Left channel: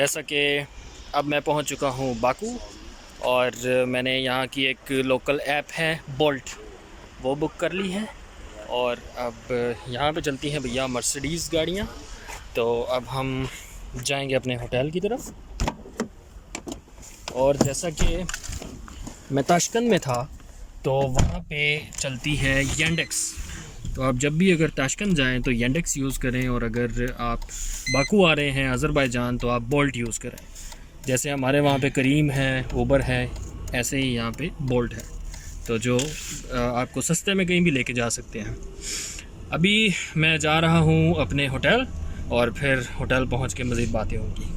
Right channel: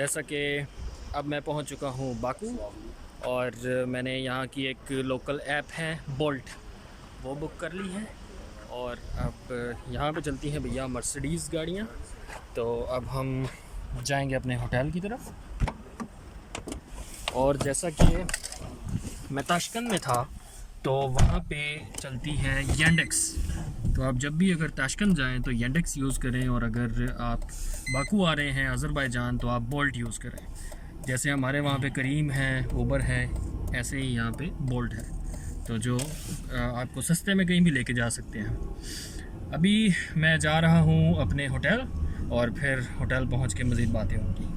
जैसा कि अब मैं पहुंच चुका हूं बाकू और मैंने यहाँ की एक लोकल ऐप है बोल्ट, वो बुक कर ली है। और अब यहाँ पे चलती हैं भैया मर्सिडीज़ गाड़ियाँ। तो अब हम जाएंगे अपने होटल की तरफ। और जैसा कि मैं ताशकंद में था तो वहाँ पे चलती है येंडेक्स। तो आप जब भी अगर ताशकंद जाएं तो येंडेक्स यूज़ करें, और अगर आप बाकू आ रहे हैं अज़रबैजान तो आप बोल्ट यूज़ करें। जैसे हमारे वहाँ पे करीम है, ऊबर है, ऐसे ही यहाँ पे बोल्ट है, तो जो आपको सस्ते में कहीं भी लेके जा सकते हैं। अभी मैं जा रहा हूँ अपने होटल और फिर होटल पहुँच के मज़ीद बातें होंगी।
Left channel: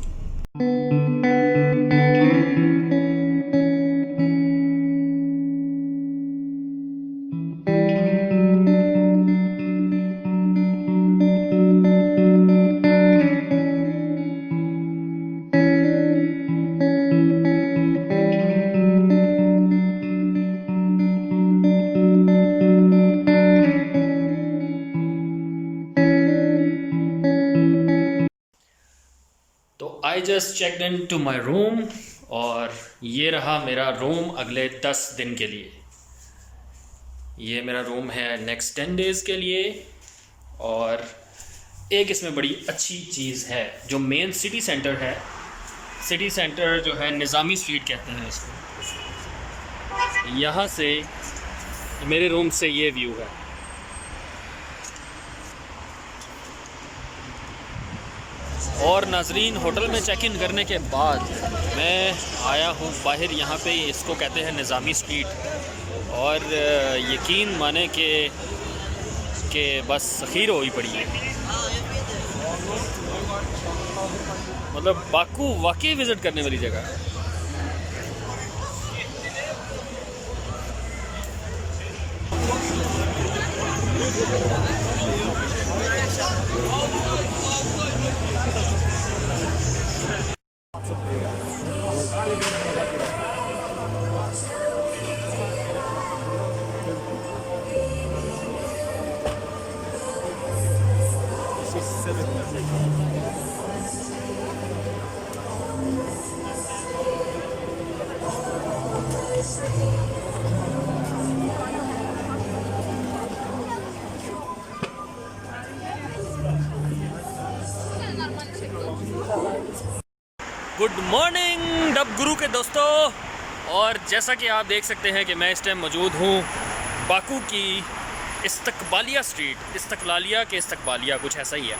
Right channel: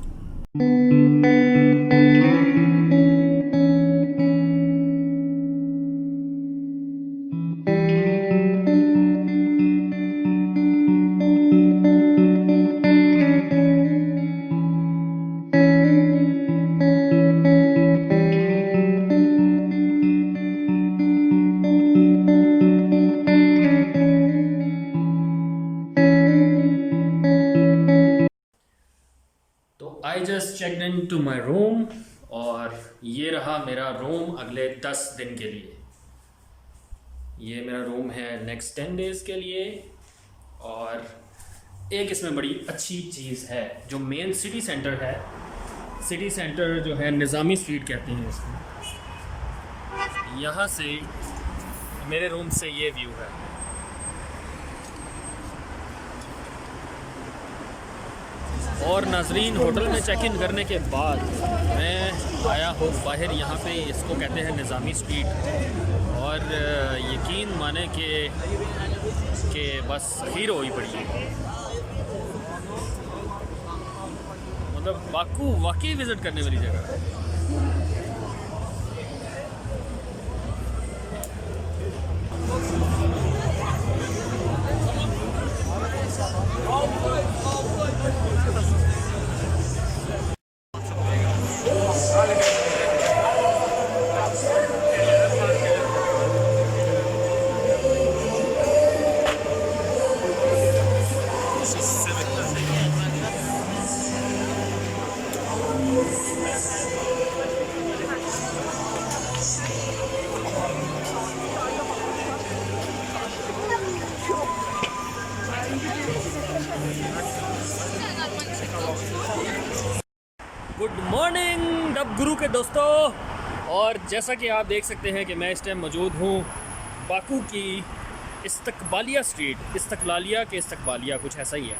तो I just checked into my room और ये रहा मेरा रूम अगले 10 दिन के लिए। ये मेरा रूम है नेक्स्ट 10 डेज़ के लिए। और एक इसमें बड़ी अच्छी चीज़ है, जो मेन सिटी सेंटर है, सिटी सेंटर जो है निज़ामी स्ट्रीट कहते हैं इसको, यहाँ से मेरे रूम से ये व्यू है। और नाजरीन, होटल में चेक इन करने के बाद मैं आया हूँ बाहर, यहाँ पे इसको कहते हैं निज़ामी स्ट्रीट। और यकीन माने कि बस खीर हो ही पड़ी है। मतलब बाकू वाकई विज़िट करने वाली जगह है। गुड मॉर्निंग डब गुरु के दोस्तों। और जैसा कि आप देख सकते हैं कि मैं इस टाइम मौजूद हूँ बाकू की इस्तकबालिया स्ट्रीट, इस्तकलालिया के इस्तकबालिया कुछ ऐसा ही है।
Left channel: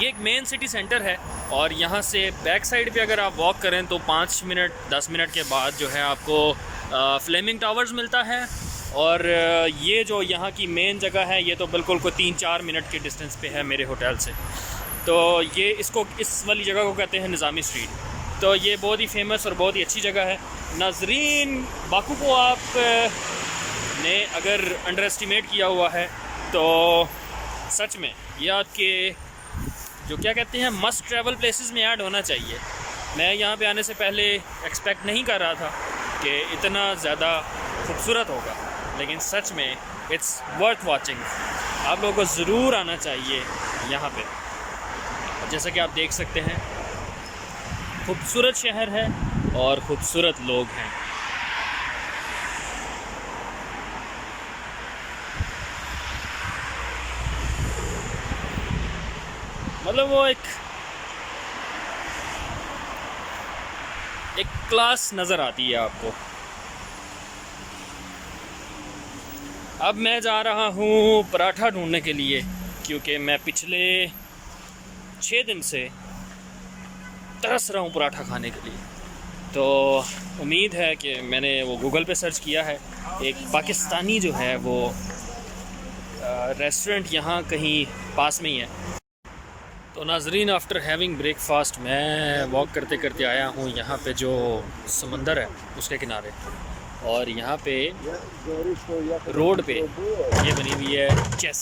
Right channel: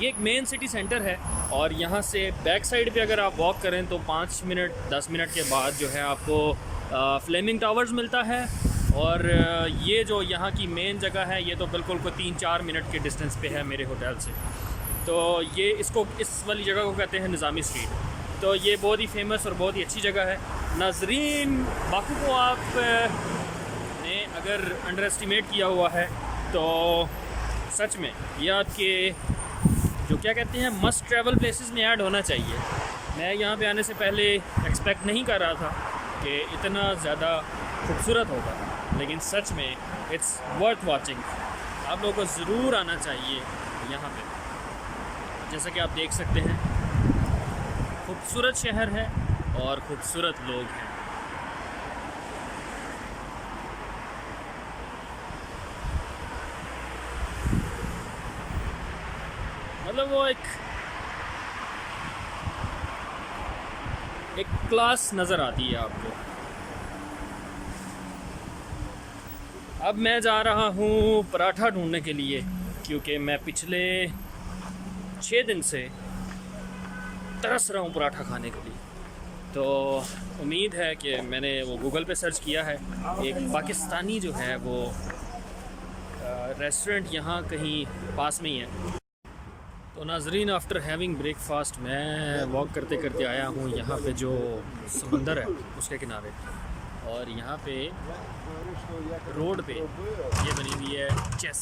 ये एक मेन सिटी सेंटर है और यहाँ से बैक साइड पे अगर आप वॉक करें तो 5 मिनट 10 मिनट के बाद जो है आपको फ्लेमिंग टावर्स मिलता है। और ये जो यहाँ की मेन जगह है, ये तो बिल्कुल कोई 3-4 मिनट के डिस्टेंस पे है मेरे होटल से। तो ये इसको, इस वाली जगह को कहते हैं निज़ामी स्ट्रीट। तो ये बहुत ही फेमस और बहुत ही अच्छी जगह है। नाजरीन, बाकू को आप ने अगर अंडर एस्टिमेट किया हुआ है तो सच में ये आपके जो क्या कहते हैं मस्ट ट्रैवल प्लेसेस में ऐड होना चाहिए। मैं यहाँ पे आने से पहले एक्सपेक्ट नहीं कर रहा था कि इतना ज़्यादा खूबसूरत होगा, लेकिन सच में इट्स वर्थ वाचिंग। आप लोगों को ज़रूर आना चाहिए यहाँ पे। जैसा कि आप देख सकते हैं, खूबसूरत शहर है और ख़ूबसूरत लोग हैं। मतलब वो एक क्लास नज़र आती है आपको। अब मैं जा रहा हूँ पराठा ढूंढने के लिए, क्योंकि मैं पिछले 6 दिन से तरस रहा हूँ पराठा खाने के लिए। तो उम्मीद है कि मैंने वो गूगल पे सर्च किया है, एक पाकिस्तानी जो है वो रेस्टोरेंट यहाँ कहीं पास में ही है। तो नाजरीन, आफ्टर हैविंग ब्रेकफास्ट मैं वॉक करते करते आया हूँ यहाँ पे जो समंदर है उसके किनारे। और यहाँ पे रोड पे ये बनी हुई है चेस।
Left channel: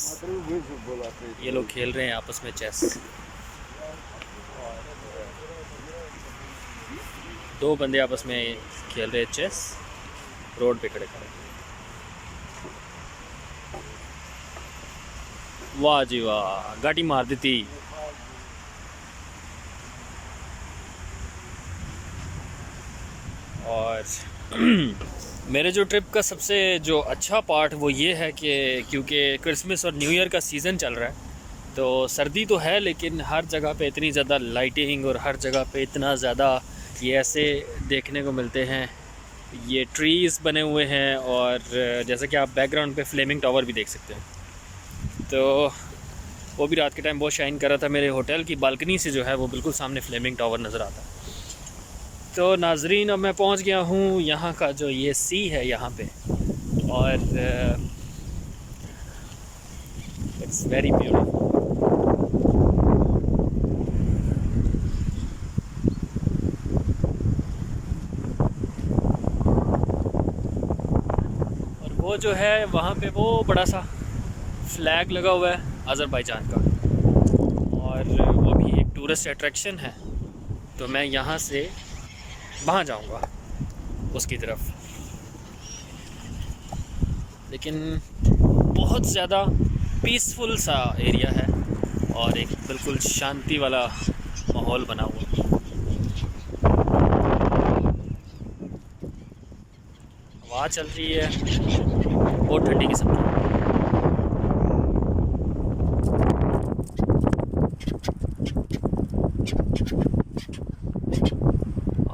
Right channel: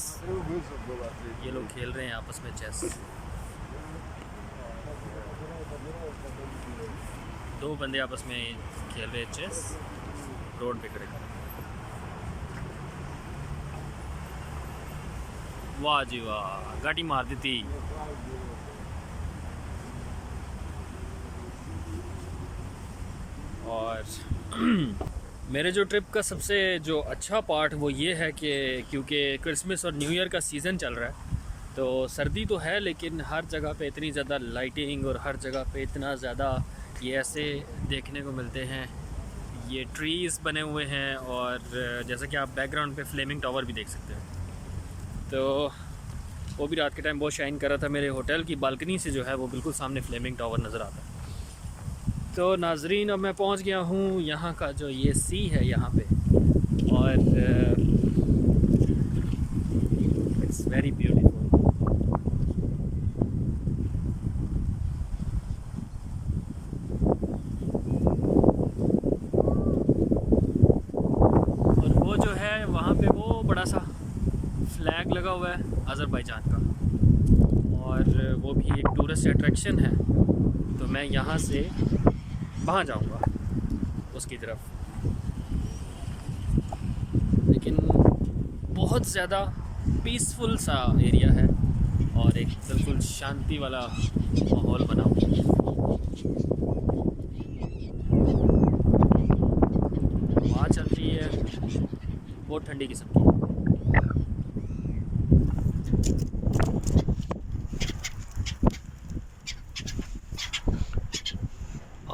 ये लोग खेल रहे हैं आपस में चेस। 2 बंदे आपस में खेल रहे चेस रोड पे खड़े खड़े। वाह जी वाह, गाड़ी मार दी थी। और मेरे जो ट्रिप का सबसे जो अच्छा पार्ट वो ये है कि क्योंकि क्रिसमस और न्यू ईयर का सीज़न चल रहा है, तो सर्दी तो है लेकिन हर जगह पे इतनी ज़्यादा लाइटिंग और हर जगह पे इतना ज़्यादा ये ऐसे देखने को मिलते हैं, ये ट्रीज़ बने हुए हैं। और जैसा कि आप बैकग्राउंड पे फ्लेमिंग टावर भी देख सकते हैं, तो वो भी रात के टाइम बहुत शाइन कर रहा था। मेरे होटल की बालकनी से जो है वो बिल्कुल सामने फ्लेमिंग टावर नज़र आता है। तो नाजरीन, अब मैं पहुंच गया हूं यहाँ का जो ये सी है यहाँ पे, और इट्स वेरी ब्यूटीफुल। और वो जो है वहाँ पे वो बड़ा सा फ्लैग लगा हुआ है अज़रबैजान का, और वो भी एक टूरिस्ट अट्रैक्शन है। तो मैं यहाँ से वहाँ जाऊँगा उसकी तरफ, लेकिन बहुत ज़्यादा पीसफुल सा एरिया है और एक बिल्कुल शांति वाला माहौल बना हुआ है। हवा चल रही है बहुत ठंडी किस्म की।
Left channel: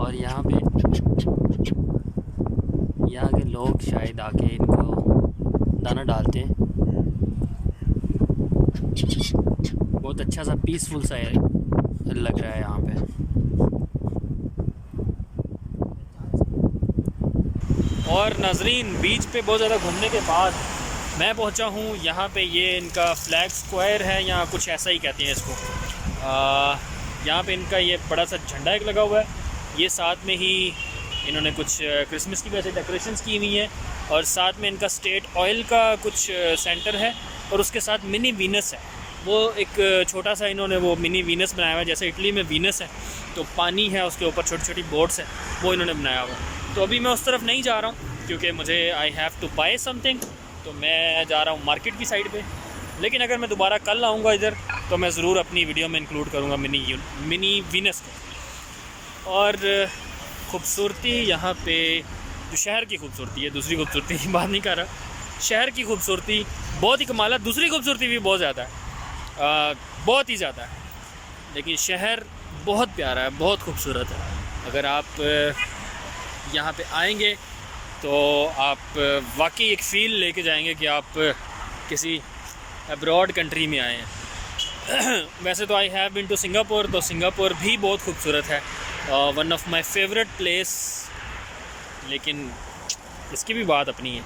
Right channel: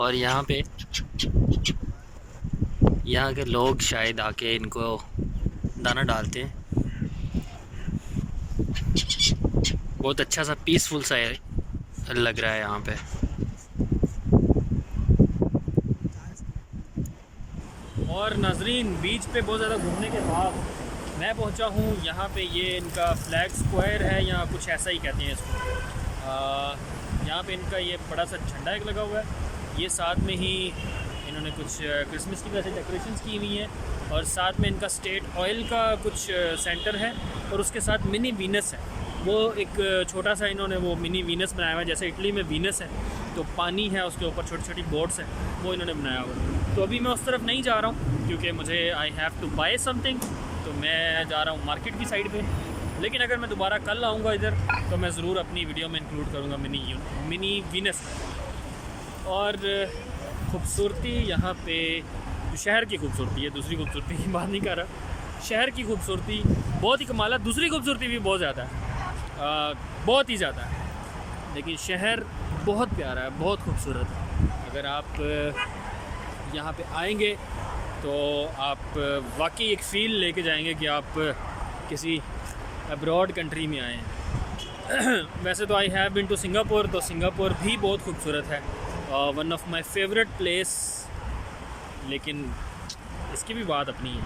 और यहाँ पे यहाँ के लोग शायद आके इनको दाना डालते हैं। बहुत अच्छा सा पीसफुल सा लग रहा है यहाँ पे। और नाजरीन, बीच पे बहुत ज़्यादा घूमने के बाद मैं पहुँचा हूँ यहाँ पे, ये इनका फ्लैग स्क्वायर है, यहाँ कुछ ऐसा ही कहते हैं इसको। यहाँ पे इनका ये बड़ा सा झंडा एक लगा हुआ है, ये साथ में ही इन्होंने कुछ क्रिसमस की वैसे डेकोरेशंस की हुई हैं, और साथ में इनका स्टेट ऑयल का कुछ सेंटर है, और उसके साथ मिनी वीनस है। वो एक छोटा सा इन्होंने वो मिनी वीनस बनाया हुआ है, जैसे इटली में वीनस है तो पानी है उसके ऊपर छोटी छोटी बोट्स हैं, वो इन्होंने बनाया हुआ है। तो अभी मैं उस तरफ नहीं जा रहा हूँ क्योंकि मुझे I have to buy something, तो मैं जा रहा हूँ मार्केट की साइड पे। लेकिन अगर मैं दोबारा कल आऊँगा इधर तो मैं ज़रूर अपनी वीडियो में इंक्लूड करूँगा मिनी वीनस को। और खूबसूरती यहाँ पे, जो शहर की खूबसूरती है, दूसरी खूबसूरती की बात नहीं कर रहा, शहर की खूबसूरती बहुत ही कमाल है। दूसरी खूबसूरती भी बहुत ज़्यादा है, बहुत ही ज़्यादा है, लेकिन शहर बहुत प्यारा है, बहुत खूबसूरत है। अगर आप यहाँ पे आएंगे तो आप वाकई एक फ़ील लेके जाएंगे कि आप किसी अब्रॉड कंट्री में आए हैं। वैसे तो I have been to Singapore, तो सिंगापुर भी बहुत खूबसूरत है, one of my favourite place, लेकिन इसकी भी बात अपनी है।